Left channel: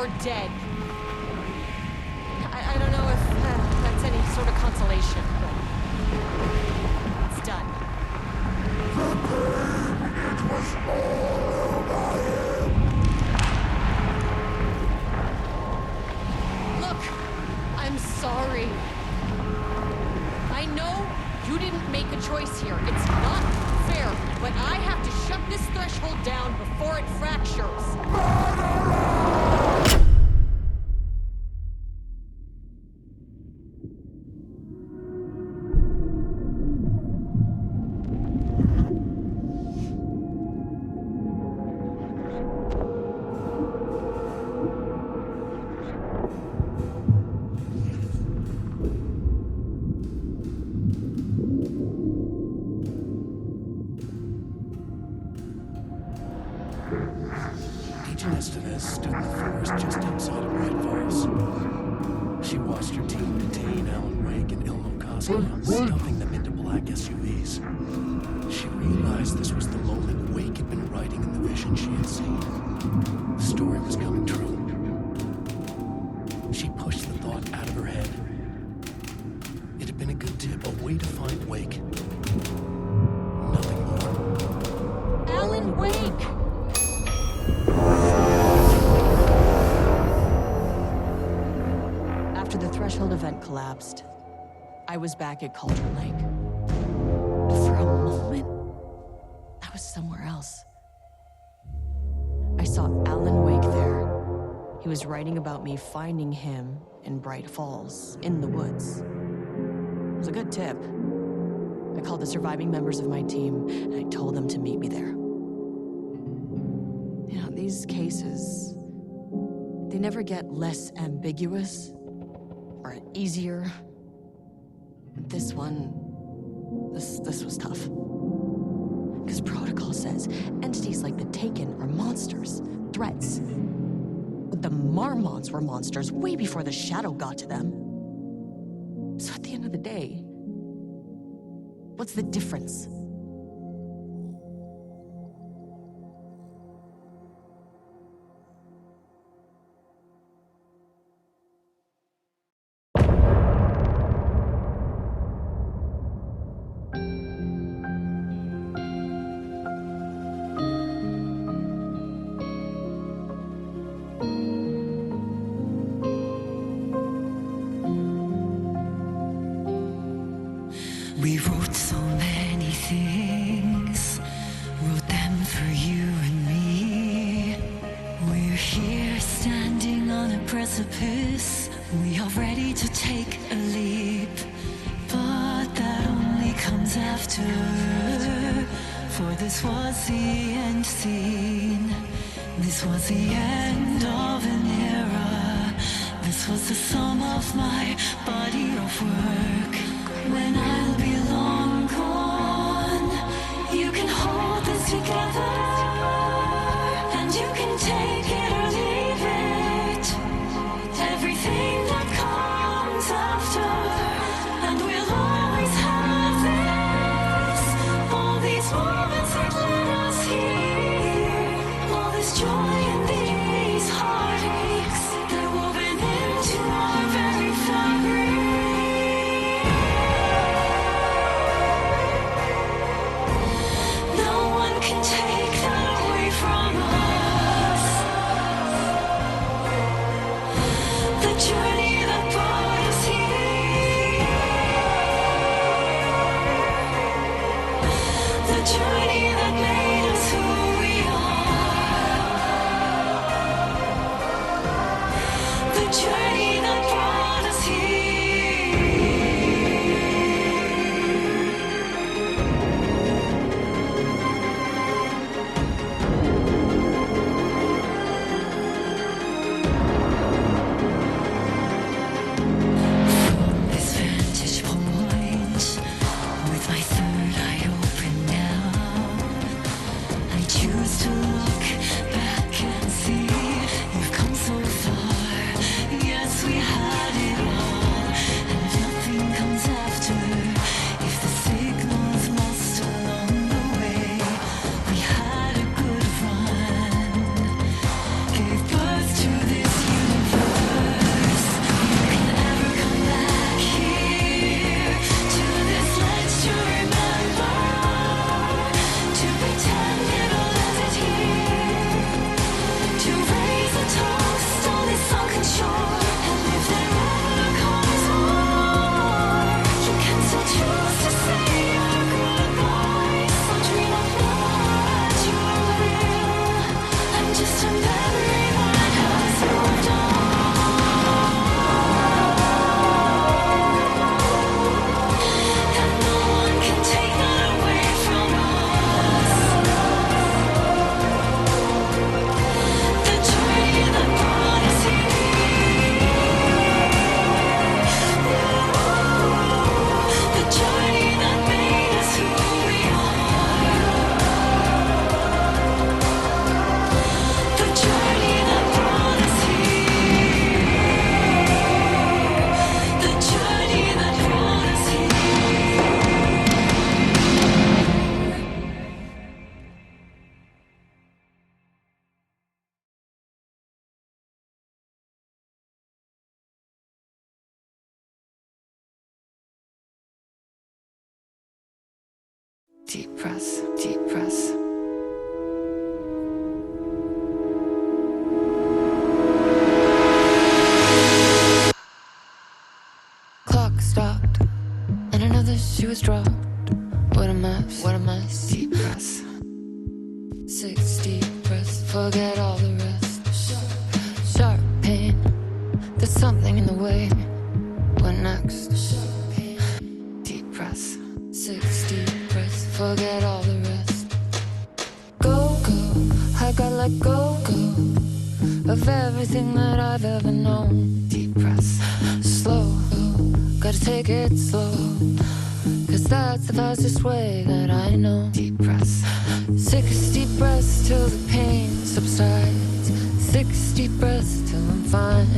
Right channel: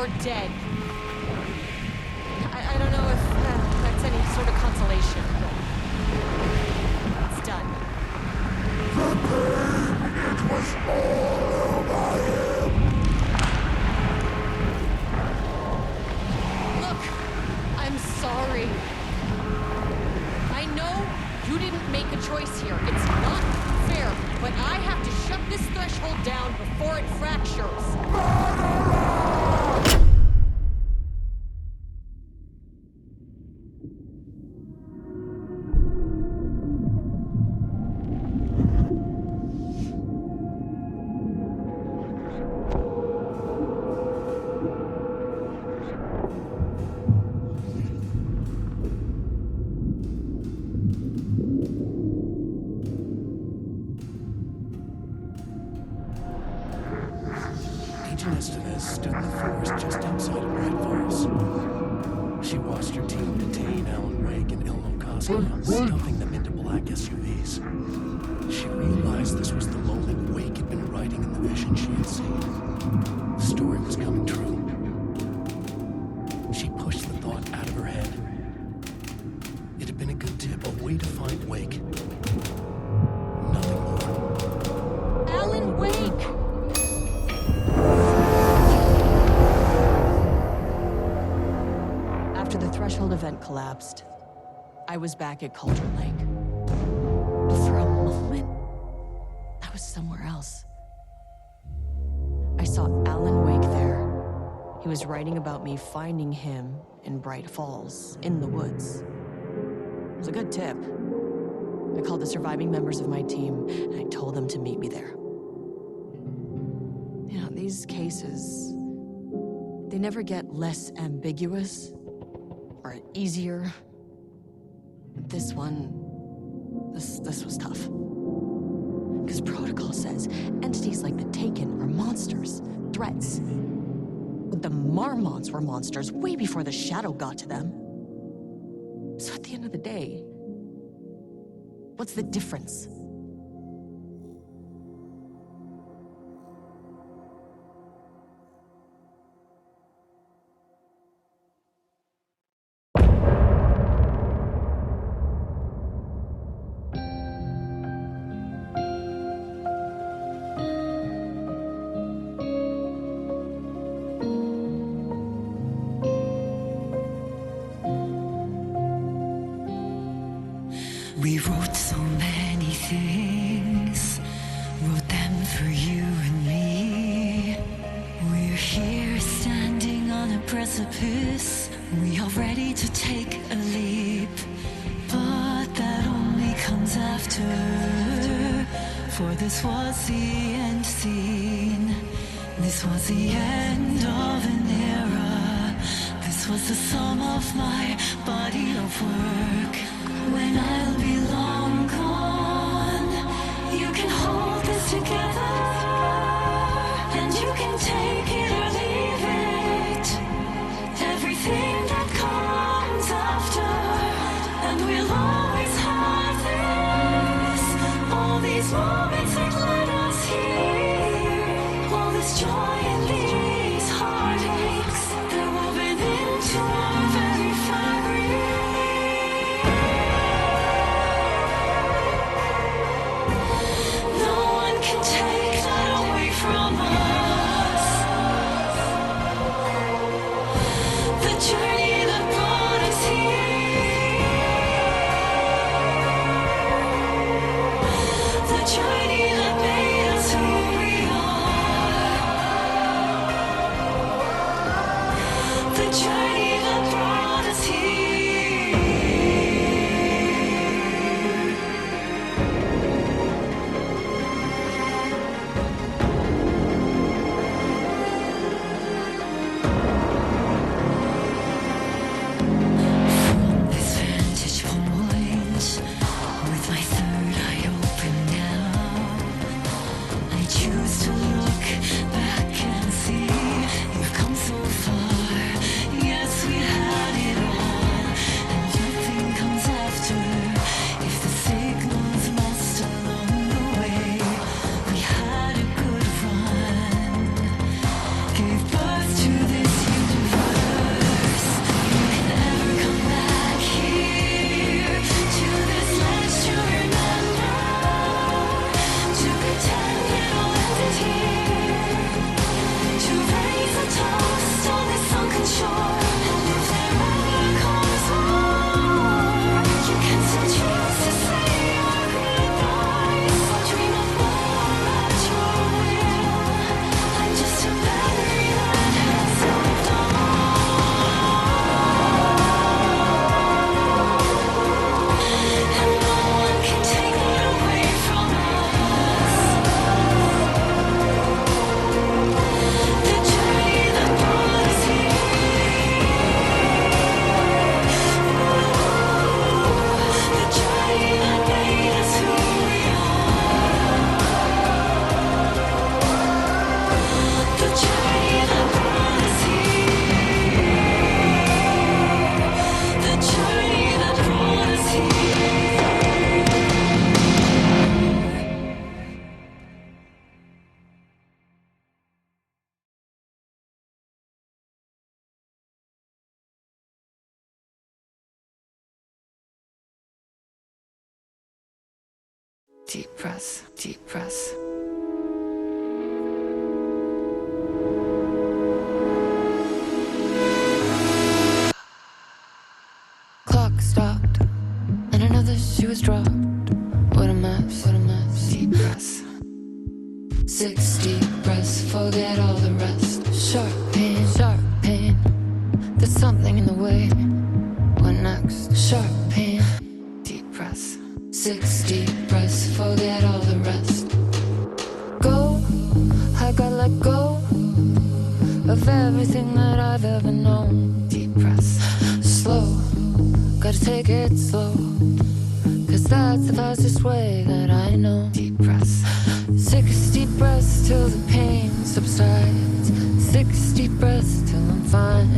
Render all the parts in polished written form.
or dead. I don't know if that's any sort of consolation, but it's done. It was all by him. Look, I'm sorry. I know you didn't make a choice here. It's not fair, but I have to shut this threshold down before it fractures. Agent Estevez stood in the forest just outside of Bright Falls. She watched her team detain Alan Wake and Ilmo Koskinen, stuffing them into black SUVs. She realized this was the moment Wake had been writing in the vision she had seen. The story was coming true. She pushed the thought out of her head. It had been a good tip, a way to find Wake. Nothing more. Alan Wake! After the Threshold event collapsed, I was back at Cauldron Lake. But for a moment, I was somewhere else. I saw Alan Wake there. He was writing about me finding him in Bright Falls, in the woods. It was a good tip. I called the surviving members of my team, and I told them to meet me there. You know, these cases, they never get less ambiguous or easier. This one, this was tough. Because protocol says entities like the Taken are monsters, threats. But the Marmots were monsters way before the Shadow got to them. So at the end of the day, what's the difference? We wrote so many things, wrote them for you and me. We're here standing on a precipice, we are ready to take a leap. But that only comes after, for this was the end scene. This was the end of an era. This was the sum of my body of work. When I'll be long gone, you can hold this together, and you can take it or leave it. Everything that comes after, and we'll always have this. All these moments that led us here, all this joy and these heartaches, they're woven into our very fabric. deep breaths, deep breaths. Clock stopped, and another shoe was dropped. What a mess, what a mess. Deep breaths. 6 deep breaths, forget all the rest. Sharp pain. There's something in the way. What next? Sharp pain. Deep breaths. 6 deep breaths, forget all the rest. Go, I gotta let go of everything that I've ever known. Deep breaths. Slow, gotta take it slow, 'cause that's the fastest way that I know. Deep breaths. 6 deep breaths till the pain subsides. 6 deep breaths till I'm fine.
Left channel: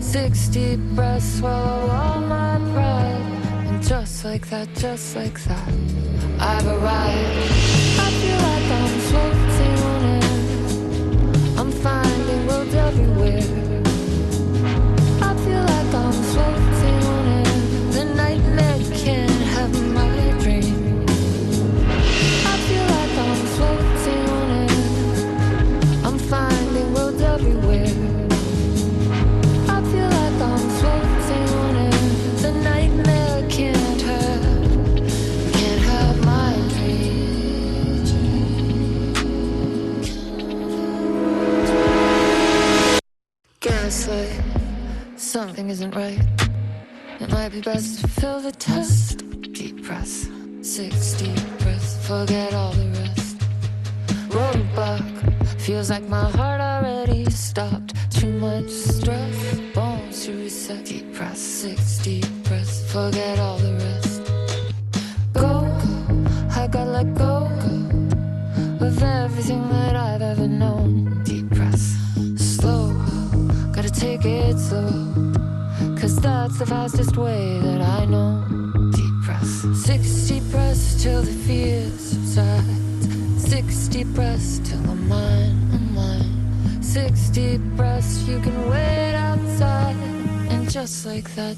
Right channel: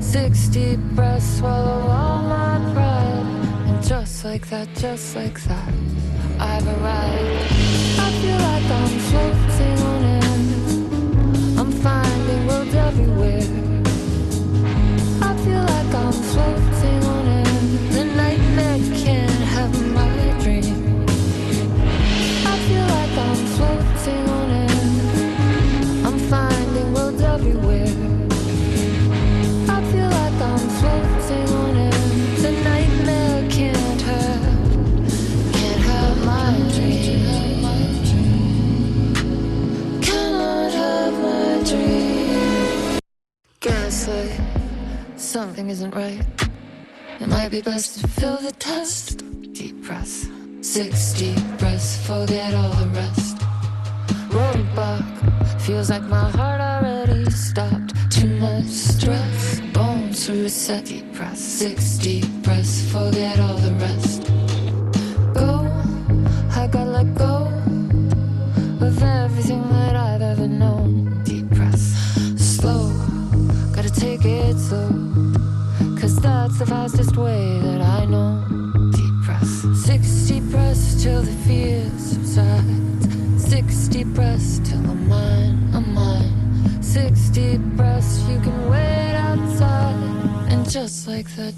6 deep breaths, swallow all my pride. And just like that, I've arrived. I feel like I'm floating on air. I'm finding roads everywhere. I feel like I'm floating on air. The nightmare can't have my dream. I feel like I'm floating on air. I'm finding roads everywhere. I feel like I'm floating on air. The nightmare can't have my dream. Cannot have my dream. Gaslight, something isn't right. It might be best to fill the test. Deep breaths. 6 deep breaths, forget all the rest. Roadblock, feels like my heart already stopped. Too much stress, bones to reset. Deep breaths. 6 deep breaths, forget all the rest. Go, I gotta let go of everything that I've ever known. Deep breaths. Slow, gotta take it slow, 'cause that's the fastest way that I know. Deep breaths. 6 deep breaths till the fear subsides. 6 deep breaths till I'm mine. 6 deep breaths, you can wait outside. And just like that,